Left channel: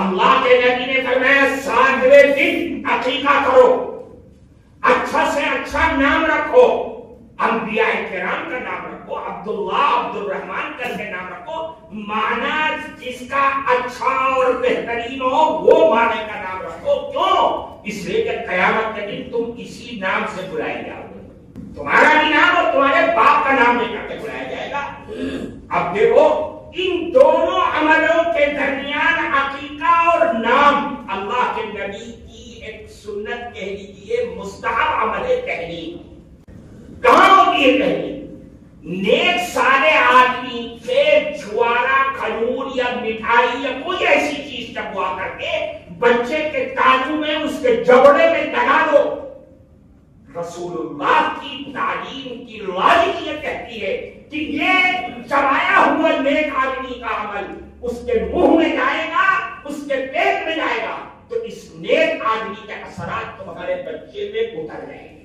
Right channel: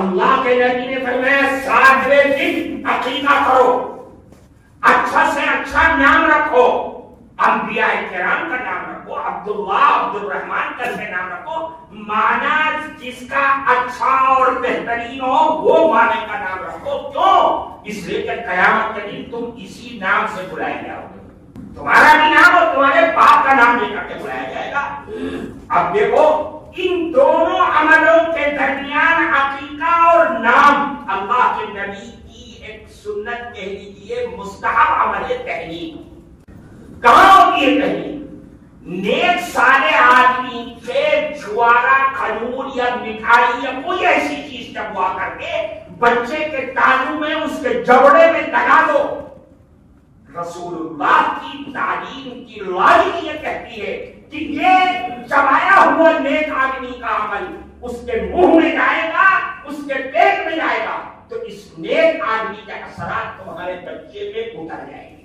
اللہ کے نبی نے فرمایا 7ویں دن عقیقہ کرو، اچھا سے اچھا نام رکھو، انبیاء کرام کا نام رکھو، عبداللہ عبد الرحمن کر کے نام رکھو، معنی جس کا اچھا اور بہترین ہو وہ معنی کا نام رکھو۔ کیوں؟ اس لیے کہ قیامت کے دن تم اسی نام سے بلائے جاؤ گے، تمہارا بھی نام اور تمہارے باپ کا نام لے کر کے بلایا جائے گا۔ اب دیکھو ان دونوں عملوں کے درمیان عقیقہ اور نام اللہ کے نبی کی ایک سنت کہہ لیجیے، مستحب عمل تحریم۔ کہاں ہوتی ہے تحریم؟ نیک صالح آدمی سے جوارا، کھجور یا مٹھائی یا کوئی ایسی چیز چبوا کر کے بچے کے تانوں میں اس کے جبڑے میں لگا دو۔ رسول اللہ کی تعلیم کی لاجک یہ کہتی ہے کہ یہ چبایا ہوا نیک آدمی کا عمل اس کے منہ میں جائے گا، اس کے پیٹ میں جائے گا، تو اس نیک آدمی کے اثرات تو ہمارے بچے میں اتر جائیں گے۔